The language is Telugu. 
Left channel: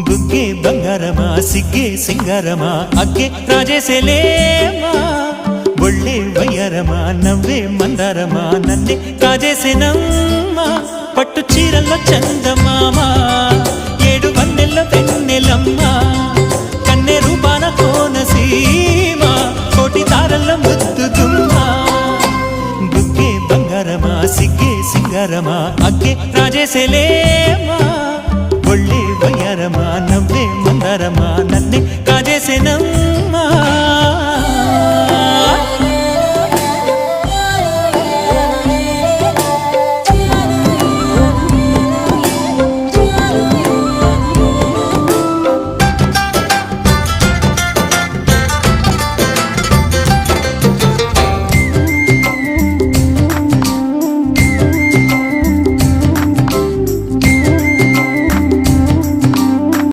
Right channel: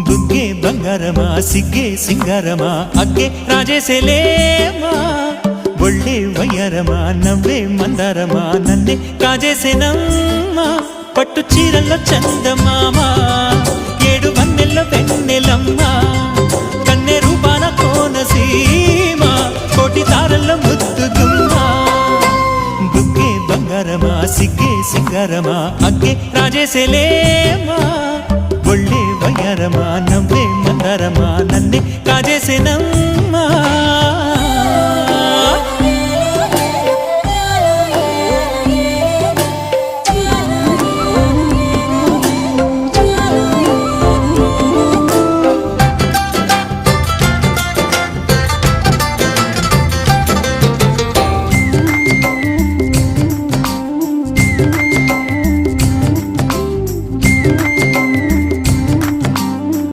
బుగ్గే బంగారమా సిగ్గే సింగారమా అగ్గే రాజేసేలేమా ఒళ్ళే వయ్యారమా నవ్వే మందారమా నన్నే కాజేసేనమ్మా పట్టు చీరల్లో చందమామా ఏడు వన్నెల్లో వెన్నెలమ్మా కన్నె రూపాన కోనసీమ కోటి తారల్లో ముద్దుగుమ్మా బుగ్గే బంగారమా సిగ్గే సింగారమా అగ్గే రాజేసేలేమా ఒళ్ళే వయ్యారమా నవ్వే మందారమా నన్నే కాజేసేనమ్మా